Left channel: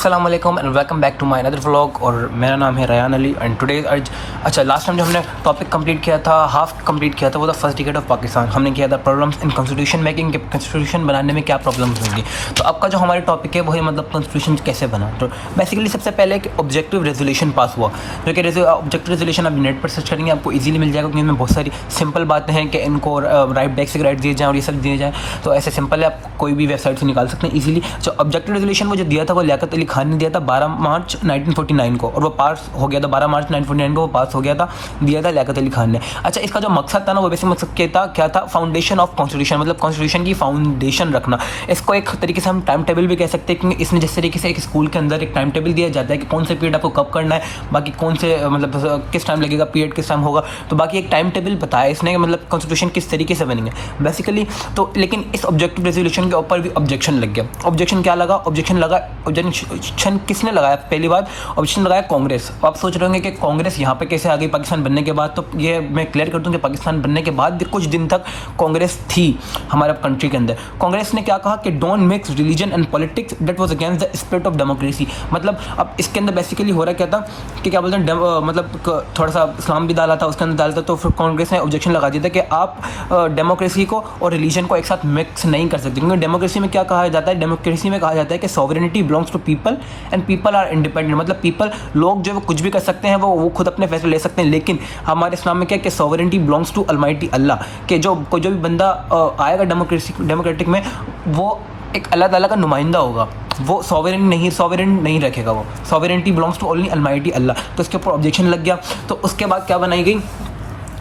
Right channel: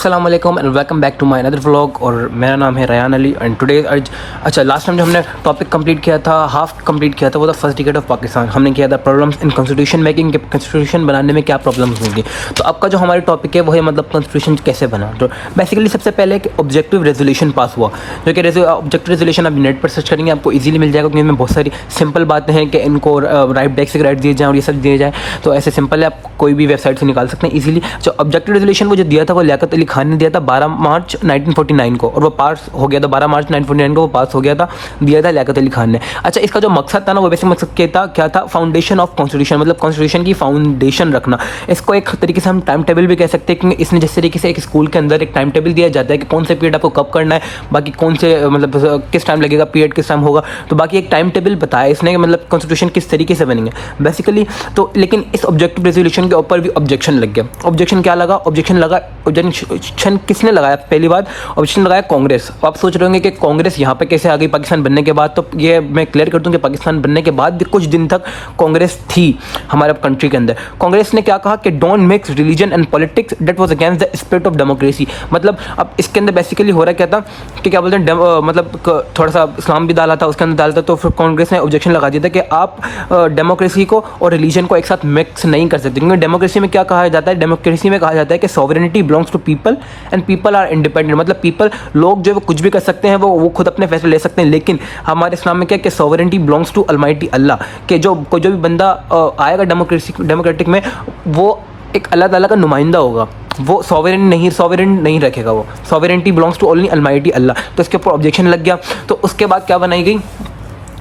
अस्सलाम वालेकुम and welcome back to my another vlog. और मेरा नाम है रयान अली एंड टुडे अच्छा लास्ट टाइम जो हमने टॉपिक कंप्लीट किया था, हाफ कंप्लीट किया था, वो था फर्स्ट डिकेड ऑफ पाकिस्तान। हमने किया था problems in constitution making, constitution बनाने में क्या प्रॉब्लम्स होंगी। तो आपका जो हमारी टॉपिक है वो है मतलब कॉन्स्टिट्यूशन कैसे बना। तो बेसिकली सबसे पहले एक ऑब्जेक्टिव रेजोल्यूशन पास हुआ, जो कि ऑब्जेक्टिव रेजोल्यूशन आप नेट पर सर्च करेंगे आपको इजीली मिल जाएगा, क्योंकि इनमें बहुत सारी सिंपल बातें हैं कि इनको राइट डेस्क से राइट दिए जाए और ये सब दिए जाए। तो ऐसे सिंपल है, आप कोई भी वेबसाइट से निकाल सकते हैं इजीली। जो ऑब्जेक्टिव रेजोल्यूशन को जो दिया था वो लियाकत अली खान ने दिया था 12 मार्च 1949 को, और वो पास हो गया था 12 मार्च 1949 को वो पास हो गया था, दिया था लियाकत अली खान ने। अच्छा, इसका जो मकसद था ना वो वैसे मकसद क्या था, फाउंडेशन ऑफ कॉन्स्टिट्यूशन, मतलब कॉन्स्टिट्यूशन की फाउंडेशन रखना। इसको एक तरीके से हम टाइम टेबल भी कह सकते हैं, कि इसमें जिस तरीके से एक स्कूल के अंदर एक टाइम टेबल दिया जाता है कि कौन से पीरियड आपको कब करना है, बाकी कौन से मतलब किस टाइम लगेगा, पीरियड किस टाइम होगा, तो बाकी एक टाइम टेबल बताया इसने, मतलब कॉन्स्टिट्यूशन किस तरीके से बनेंगे बेसिकली। तो लेकिन इस ऑब्जेक्टिव रेजोल्यूशन के ऊपर भी ऑब्जेक्शन लग गया। ऑब्जेक्शन क्या लगा? ऑब्जेक्शन किसने लगाया? पहली बात ऑब्जेक्शन लगाया कांग्रेस। आप सोच रहे होंगे कि कांग्रेस यहाँ पे कैसे आ गई पाकिस्तान बनने के बाद। तो ये मैं क्लियर कर दूं कि पाकिस्तान बनने के बाद भी कुछ दिन तक कांग्रेस थी हमारे कंट्री के अंदर। कांग्रेस ने क्या कहा कि don't mix religion and politics, that was against the spirit of democracy. मतलब अब इसके अंदर बेसिकली हो रहा क्या था कि क्या बोलते हैं, मतलब थोड़ा सा इस्लाम भी डाला था उसके अंदर डाला था। तो फिर कांग्रेस ने ऑब्जेक्शन लगा दिया था कि आप डेमोक्रेसी को और रिलीजन को एक साथ मिक्स नहीं कर सकते, क्योंकि डेमोक्रेसी में क्या कहा जाता है, डेमोक्रेसी में कहा जाता है कि sovereignty belongs to people and people are independent. मतलब पीपल, लोग जो कुछ भी कर सकते हैं, वो खुद अपने फैसले ले सकते हैं। लेकिन हमारे इस्लाम में क्या है कि सॉवरेनिटी बिलोंग्स टू अलमाइटी अल्लाह, कि जो भी बंदा आएगा डेमोक्रेटिक में, वो एक अल्लाह ताला का नुमाइंदा होगा, वो सॉवरेन नहीं रखेगा, वो sovereignty belongs to only almighty Allah. तो इसके ऊपर ऑब्जेक्शन लग गया। तो उसके बाद क्या बनाई गई,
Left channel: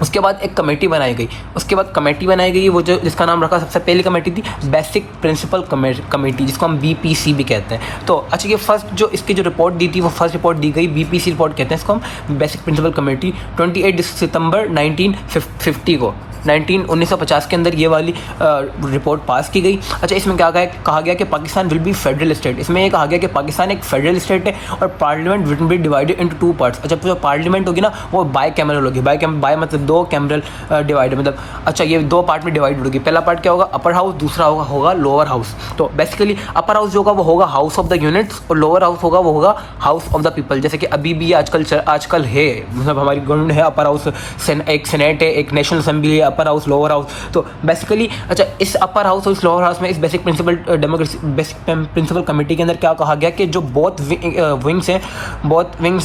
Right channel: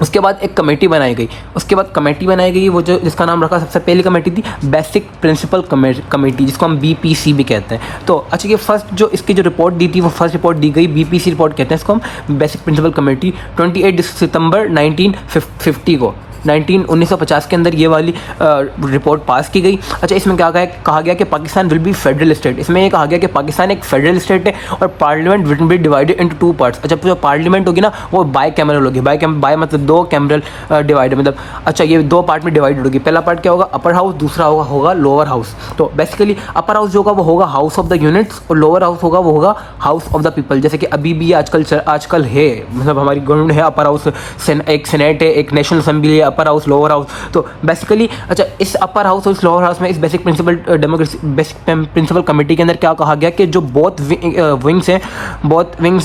उसके बाद एक कमेटी बनाई गई, वो जो जिसका नाम रखा, सबसे पहली कमेटी थी बेसिक प्रिंसिपल कमेटी, जिसको हम बीपीसी भी कहते हैं। तो अच्छा, ये फर्स्ट जो इसकी जो रिपोर्ट दी थी वो फर्स्ट रिपोर्ट दी गई, बीपीसी रिपोर्ट कहते हैं इसको, बेसिक प्रिंसिपल कमेटी, 28 सितंबर 1950 को 1950 के अंदर ये वाली रिपोर्ट पास की गई। अच्छा, इसमें क्या कहा गया कि Pakistan will be federal state. इसमें ये कहा गया कि पाकिस्तान एक फेडरल स्टेट है और parliament will be divided into 2 parts. अच्छा, जो पार्लियामेंट होगी ना वो बाई कैमरल होगी, बाई मतलब 2 कैमरल डिवाइड, मतलब अच्छा ये 2 पार्ट में डिवाइडेड होगी। पहला पार्ट क्या होगा, अपर हाउस, दूसरा होगा लोअर हाउस। तो बेसिकली अपर हाउस होगा वो होगा हाउस ऑफ द यूनिट्स, और लोअर हाउस होगा वो होगा हाउस ऑफ द पीपल। जैसे कि अभी भी आजकल है, मतलब हमारी गवर्नमेंट है अपर हाउस, एक सेनेट है, एक नेशनल असेंबली है, अपर हाउस लोअर हाउस। तो बेसिकली अच्छा, इस अपर हाउस और इस लोअर हाउस में इस बेसिक प्रिंसिपल कमेटी के अंदर क्या कहा गया कि जो बोथ विंग्स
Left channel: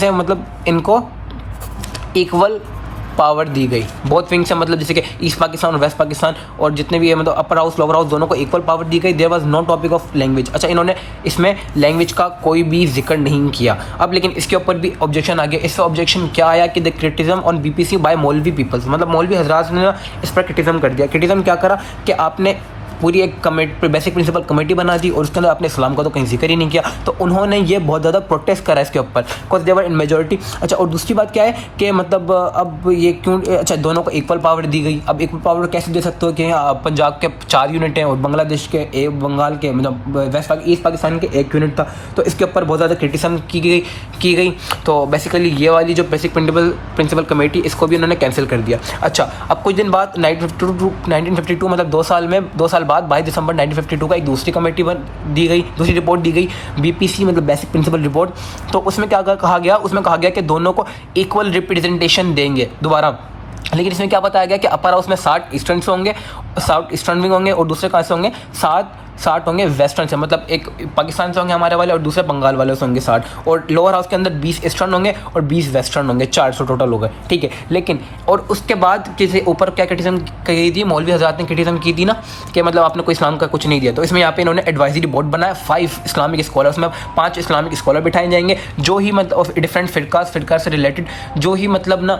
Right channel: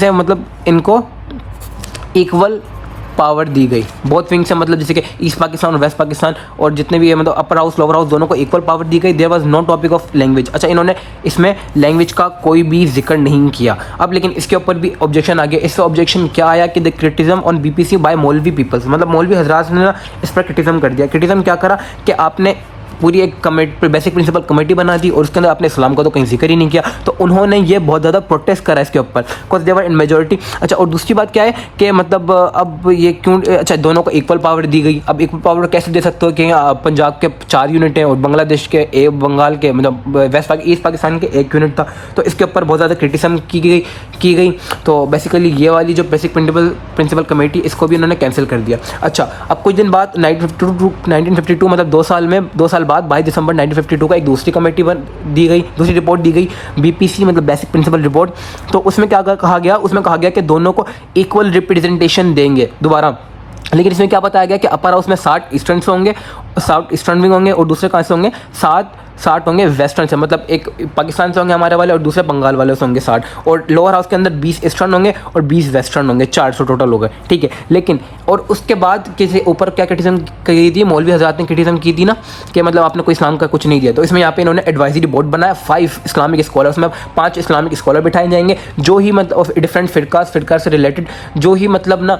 है मतलब इनको इक्वल पावर दी गई। बोथ विंग्स है मतलब जैसे कि ईस्ट पाकिस्तान और वेस्ट पाकिस्तान, और जितने भी है मतलब अपर हाउस लोअर हाउस दोनों को इक्वल पावर दी गई। There was no topic of language. अच्छा, इन्होंने इसमें लैंग्वेज का कोई भी जिक्र नहीं किया। अब लेकिन इसके ऊपर भी ऑब्जेक्शन आ गया। इसका ऑब्जेक्शन क्या आया कि the criticism on BPC by मौलवी पीपल्स, मतलब मौलवी हजरात ने इस पर क्रिटिसिज्म कर दिया। क्रिटिसिज्म क्या करा कि आपने पूरी एक कमेटी, बेसिक प्रिंसिपल कमेटी बना दी और उसके अंदर आपने इस्लाम का तो कहीं जिक्र ही नहीं किया। तो उन्होंने ये बहुत ज्यादा प्रोटेस्ट करा इसके ऊपर, कुछ देवर इन मेजोरिटी। अच्छा, और दूसरी बात क्या है कि मतलब अब ये क्यों, अच्छा दोनों को इक्वल पावर दी गई। अब इक्वल पावर कैसे दे सकते हो कि पंजाब के 4 यूनिट है और बांग्लादेश के बंगाल के मतलब ईस्ट पाकिस्तान के 1 यूनिट था। तो इसके ऊपर बहुत ज्यादा क्रिटिसिज्म की गई। तो बेसिकली ये वाली जो बेसिक प्रिंसिपल कमेटी, इसको भी इन्होंने कैंसिल कर दिया। अच्छा, अब कुछ दिन बाद 1952 मतलब 2 साल बाद 22 दिसंबर 1952 का एक दूसरी कमेटी दूसरी रिपोर्ट दी गई, बीपीसी मतलब बेसिक प्रिंसिपल रिपोर्ट। तो उसमें क्या कहा गया, उसमें कहा गया कि दोनों को इक्वल रिप्रेजेंटेशन देंगे दोबारा। लेकिन इसमें क्या बताया गया कि अपर हाउस में 60 ईस्टर्न होंगे, 60 ईस्टर्न विंग होंगे, और दूसरे कहाँ से होंगे 60 होंगे वेस्टर्न से, मतलब एक पाकिस्तान से होंगे हमारे वाले और दूसरे बंगाल वाले से होंगे 60, और लोअर हाउस के अंदर 20 ईस्टर्न होंगे और 20 वेस्टर्न होंगे, 400 टोटल हो गए, ठीक है। लेकिन और उसके बाद किसी ऊपर क्या क्रिटिसिज्म की थी, मौलवी हजरात ने क्रिटिसिज्म की थी ना कि मतलब आपने कोई इस्लाम का कुछ नहीं दिया। तो इसमें यहाँ पे इन्होंने एडवाइजरी बोर्ड बनाया, 5 इस्लामिक स्कॉलर, मतलब 5 इस्लामिक स्कॉलर बिठाए जाएंगे, जो ही मतलब डिफरेंट फिरका से रिलेटेड जो ही मतलब ना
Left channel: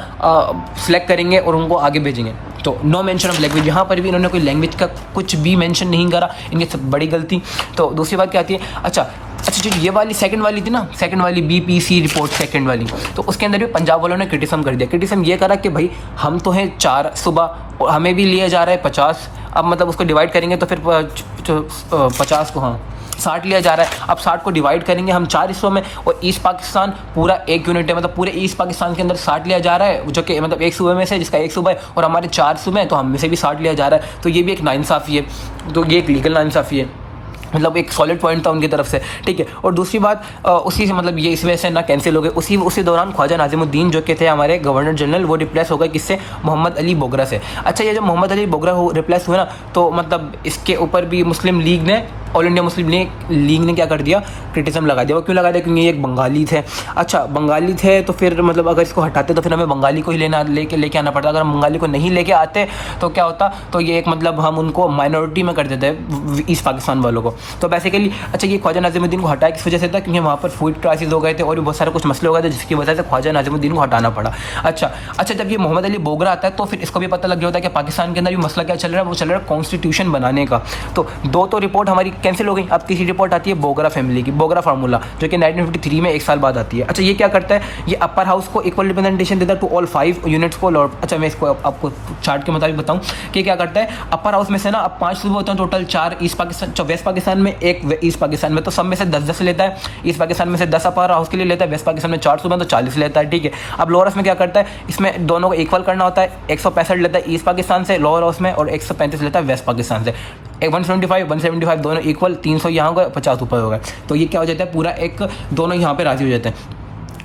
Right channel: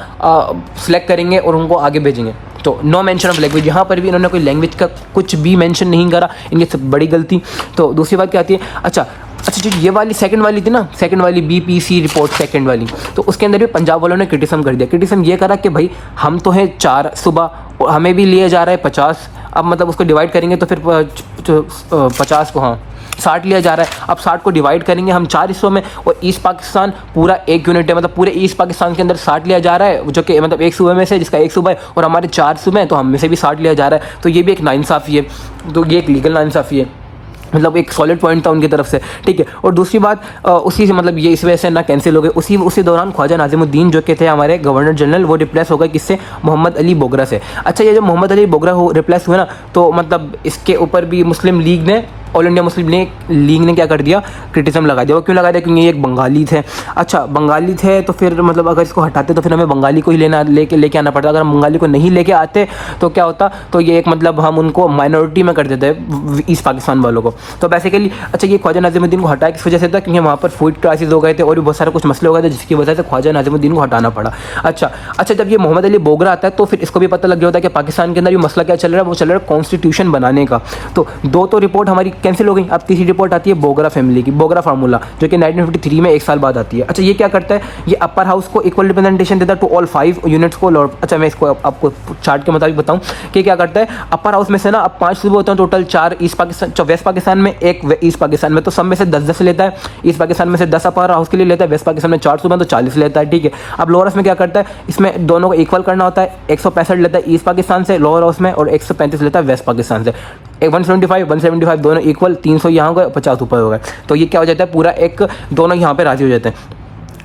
सिलेक्ट करेंगे और उनको आगे भेजेंगे। तो नो मेंशन ऑफ लैंग्वेज, यहाँ पर भी इन्होंने कोई लैंग्वेज का कुछ भी मेंशन नहीं करा, इनकी सब बड़ी गलती। तो दूसरी बात क्या आती है, अच्छा जो ये वाली सेकंड वाली थी ना, सेकंड वाली बीपीसी रिपोर्ट सेकंड वाली, तो उसके अंदर भी पंजाब वालों ने क्रिटिसिज्म कर दिया। क्रिटिसिज्म ये करा कि भाई हम तो है 4 सुबह, हमें भी लिए जा रहा है 50, अब मतलब उसको डिवाइड करेंगे तो फिर 50 को 60 लिया जा रहा है। अब 60 को डिवाइड करेंगे हम 4 हिस्सों में, और ईस्ट पाकिस्तान पूरा 1 यूनिट है, मतलब पूरे ईस्ट पाकिस्तान के अंदर 60 लिया जा रहा है, जो कि मतलब एक सूबे में से, जिसका एक सूबा है और हमारे 4 सूबे हैं, तो हम में से भी 60 लिया जा रहा है। तो ये भी एक नाइंसाफी है, तो ये एक लीगल नाइंसाफी है। मतलब एक सॉलिड पॉइंट था उनकी तरफ से, ठीक है। और दूसरी बात उसी से मतलब ये इस वजह से ना कैंसिल हो गए, उसी दौरान ख्वाजा नाजिमुद्दीन जो के थे हमारे गवर्नर जनरल, वो रिप्लेस हो गए किससे, मोहम्मद अली बोगरा से। अच्छा, ये जो मोहम्मद अली बोगरा हो रिप्लेस हुए ना, तो मतलब इसके ऊपर भी मुस्लिम लीग ने, ऑल इंडिया मुस्लिम लीग ने क्या कर दिया, क्रिटिसिज्म लगा दिया। वो क्यों लगा दिया, क्योंकि ये एक बंगाली थे। अच्छा, बंगाली थे तो फिर मतलब अगर इसको हटाते तो फिर हमें बंगाली को ही लेके आना पड़ता। अगर हम बंगाली को नहीं लेके आते तो क्या होता, तो ये एक मतलब हम उनको माइनॉरिटी में कर देते ईस्ट पाकिस्तान वालों को। तो बेसिकली अच्छा, ये ख्वाजा नाजिमुद्दीन को हटाया किस वजह से था, क्योंकि वहाँ पर फूड क्राइसिस हो गए थे और भी बहुत सारे कुछ मसले हो गए थे, जिसकी वजह से ख्वाजा नाजिमुद्दीन को हटाना पड़ा। अच्छा, जब ये मोहम्मद अली बोगरा आता है तो फिर इसको भी पता लग गया होता है कि पाकिस्तान के अंदर ये मसला क्या चल रहा है, वो चल रहा है कॉन्स्टिट्यूशन बनाने का। तो दो तो रिपोर्ट हमारी कैंसिल हो गई। अब तीसरी रिपोर्ट आती है बोगरा फैमिली की, बोगरा फार्मूला, जो कि 1953 में 1 साल बाद आती है। अच्छा, ये क्या करता है, ये अपर हाउस को इक्वल रिप्रेजेंटेशन देता है टू ऑल 5 यूनिट्स को। अच्छा, मैं इसको आपको चार्ट के मुताबिक बताऊं कि क्या करता है, अपर हाउस में से ना अब 5 सूबे होते हैं total, 4 east Pakistan, west Pakistan में, 1 ईस्ट पाकिस्तान में, तो सब में से 10-10 लेता है। ईस्ट पाकिस्तान में से 10 अपर हाउस के लिए लेता है, वेस्ट पाकिस्तान में 4 सूबे तो 40 लेता है, ठीक है। अब लोअर हाउस में क्या करता है, इसमें दोनों को इक्वल करना होता है, 165 लेता है ईस्ट पाकिस्तान से लोअर हाउस में और 135 लेता है वेस्ट पाकिस्तान से। 175 दोनों इक्वल, 300 यहाँ हो गए, 50 ऊपर हो गए। तो ये क्या हो जाता है, पूरा एक दोनों यहाँ पे राजी हो जाते हैं।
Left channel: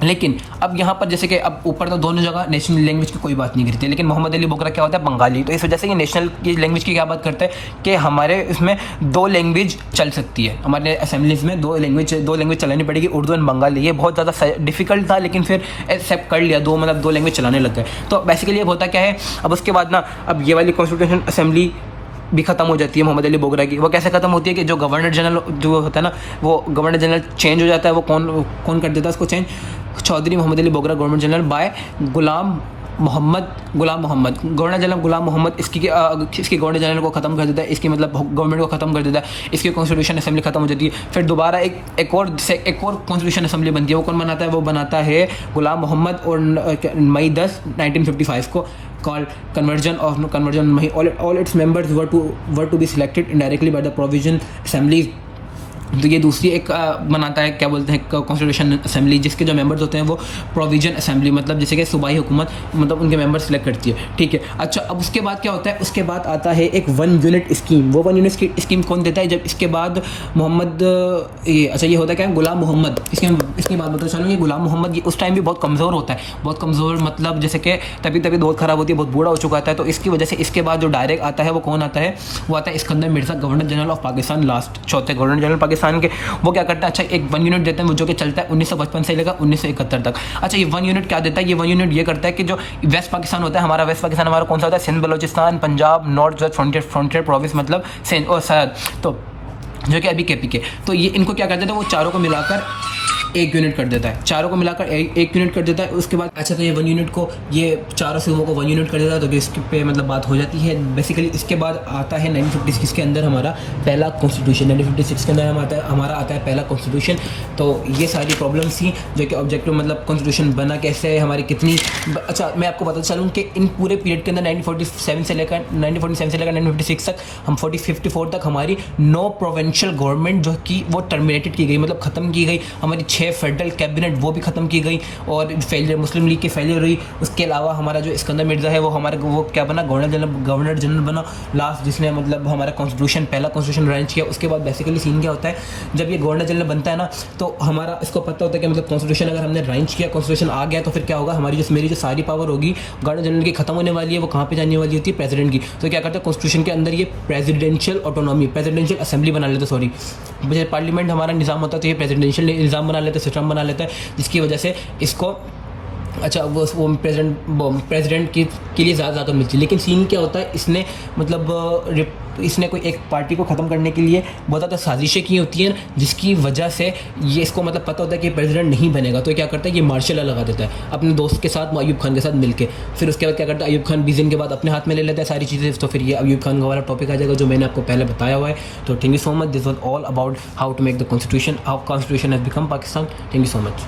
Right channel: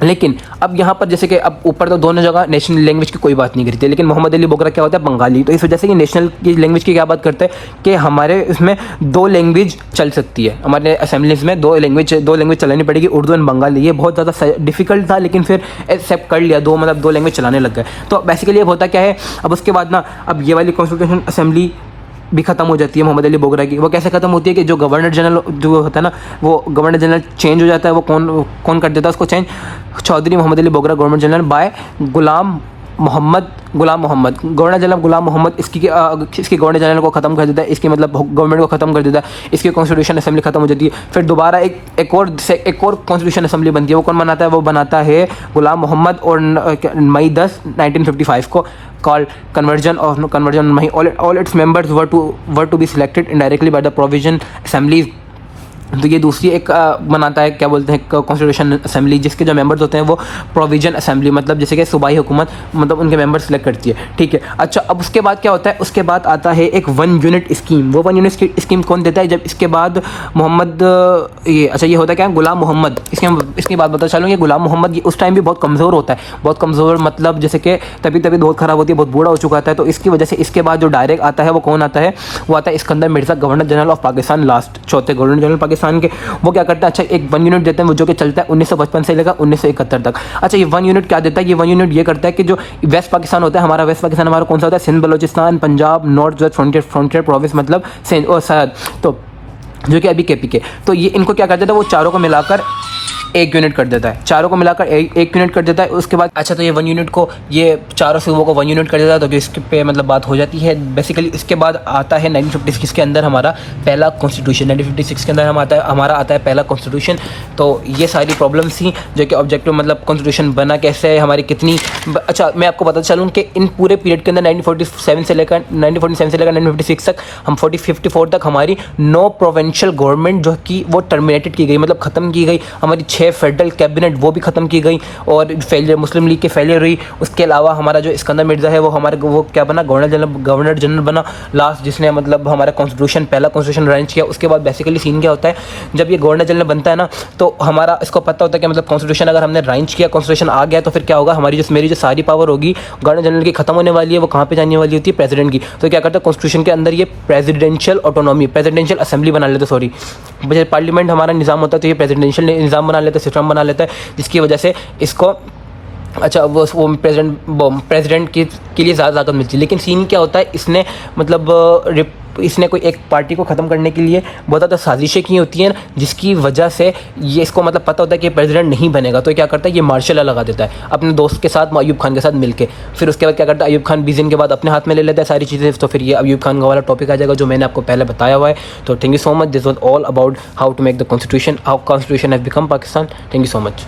लेकिन अब यहाँ पर जैसे कि अब ऊपर तो दोनों जगह नेशनल लैंग्वेज की कोई बात नहीं करती, लेकिन मोहम्मद अली बोगरा क्या होता है, बंगाली। तो इस वजह से ये नेशनल की लैंग्वेज की क्या बात करते हैं कि हमारे इसमें 2 लैंग्वेज चल सकती है, हमारे असेंबलीज में 2 लैंग्वेज चलानी पड़ेगी, उर्दू एंड बंगाली। ये बहुत ज़्यादा डिफिकल्ट था, लेकिन फिर एक्सेप्ट कर लिया, 2 लैंग्वेज चलाने लग गए। तो बेसिकली अब होता क्या है, अब उसके बाद ना अब ये वाली कॉन्स्टिट्यूशन असेंबली भी खत्म हो जाती है मोहम्मद अली बोगरा की। वो कैसे खत्म होती है कि जो गवर्नर जनरल जो होता है ना, वो गवर्नर जनरल चेंज हो जाता है। वो कौन कर देता है उसको change, Chaudhry Mohammad Ali Bogra governor general by Ghulam Mohammad governor general Ghulam Mohammad इसकी गवर्नर जनरल को खत्म कर देता है, इसकी मतलब गवर्नमेंट को खत्म कर देता है, इसकी कॉन्स्टिट्यूशन असेंबली खत्म हो जाती है। फिर दोबारा एक और कॉन्स्टिट्यूशन असेंबली बनती है। वो कौन बनाता है, वो बनाता है गुलाम मोहम्मद, और मई 10 1955 को called conversion Mahi. All its members were to be selected indirectly by the provision assemblies. तो ये दूसरी एक बनाता है, क्या बोलते हैं, कॉन्स्टिट्यूशन असेंबली, जिसके जो मेंबर्स होते हैं वो प्रोविजन असेंबली, मतलब जैसे कि सूबाई हुकूमत मतलब उनके मेंबर सेलेक्ट करती है, ठीक है। अच्छा, अब उसके बाद क्या होता है, उसके बाद आता है एक 1 यूनिट स्कीम। वो 1 यूनिट स्कीम कौन देता है, जब इसके बाद मोहम्मद ये होता है क्या, गुलाम मोहम्मद। इसके बाद पता चलो, ये गुलाम मोहम्मद उस टाइम भी बहुत कमज़ोर होता है, बहुत कमज़ोर, मतलब जैसे कि तभी बहुत ख़राब होती है, बहुत बूढ़ा हो चुका था। तो इसकी वजह से इसके बाद जो डायरेक्ट आता है वो कौन आता है, वो आता है Iskander Mirza, governor general of Pakistan, last चौथे गवर्नर जनरल पाकिस्तान के। वो क्या करता है, अच्छा, एक 1 यूनिट देते हैं, वो जो कि चलता है 1955 से लेकर 1971 तक। अच्छा, ये 1 यूनिट क्या देता है, ये 1 यूनिट ये करता है कि जो वेस्ट पाकिस्तान होता है, हमारा वेस्ट पाकिस्तान हमारा कौन सा होता है, Sindh, Balochistan, Punjab, north west frontier province, मतलब सिंध और सरहद, तो जो कि अभी KPK, तो ये इनको क्या कर देता है, वो चारों को मिलाकर 1 यूनिट कर देता है, चारों को मिलाकर 1 यूनिट कर देता है। उसके बाद अच्छा, तो ये 1 यूनिट को, ये चारों सूबों को 1 यूनिट कर देता है, तो इस पे मतलब बात हो जाती है बेसिकली। इसके बाद आता है 1956 के अंदर हमारा पहला कॉन्स्टिट्यूशन, 1956 के अंदर हमारा आता है पहला कॉन्स्टिट्यूशन। तो ये सारी प्रॉब्लम्स थी जो कि ऑब्जेक्टिव मतलब कॉन्स्टिट्यूशन बना कैसे, हमारी कितनी। अच्छा, मैं आपको पता चलूँ कि इन पूरे पीरियड के अंदर 1947 से लेकर 1956 तक, हम 54 तक हमारी 9 प्रोविंशियल गवर्नमेंट जो कि वो टर्मिनेटेड की गई, मतलब ख़त्म की गई। हमारी 6 फेडरल कैबिनेट वो भी खत्म की गई और फेलियर, मुस्लिम लीग के फेलियर हुई। उसके अलावा हमारा जो इस्कंदर मिर्जा है वो क्या बना, गवर्नर जनरल बना लास्ट, जिसने मतलब हमारा कॉन्स्टिट्यूशन, पहला कॉन्स्टिट्यूशन अरेंज किया। उसके बाद बेसिकली सीन क्या होता है, जब ये गवर्नर जनरल बनता है ना, तो हमारा इसको पता होता है कि मतलब कॉन्स्टिट्यूशन अगर हमने अरेंज किया, कॉन्स्टिट्यूशन आ गया, तो फिर क्या होगा, मेरी जो सारी पावर होगी गवर्नर जनरल की खत्म होने वाली है। वो कहाँ पे जाने वाली होती है, प्रेसिडेंट की। तो क्या करता है, कॉन्स्टिट्यूशन के अंदर ये प्रेसिडेंशियल ऑटोनॉमी, प्रेसिडेंशियल असेंबली बना लेते, सॉरी, पार्लियामेंट हमारा निजाम होता है, तो ये प्रेसिडेंशियल निजाम बना लेते, सिस्टम बना लेता है, जिसकी वजह से इसको अच्छा वो प्रेसिडेंट के लिए ज़्यादा ताकत मिलती है। लेकिन सीन क्या होता है, इसने मतलब इसने कोई एक पार्टी को ख़त्म करने के लिए बहुत ज़्यादा साजिशें की होती हैं, जिसकी वजह से ये इसको मतलब पता होता है कि प्रेसिडेंट नहीं बनेगा। तो क्या करता है, ये मार्शल लॉ लगा देता है अपने दोस्त के साथ, अयूब खान के साथ मिलके। फिर उसके बाद क्या करता है, अयूब खान 20 दिन के बाद अपने हाथ में ले लेता है सारी चीज़ें। तो फिर ये अयूब खान का वाला टॉपिक आ जाएगा जो मैंने आपको पहले बताया हुआ है। तो thank you so much, this was all about how to make the constitution, how constitution has become Pakistan. Thank you so much.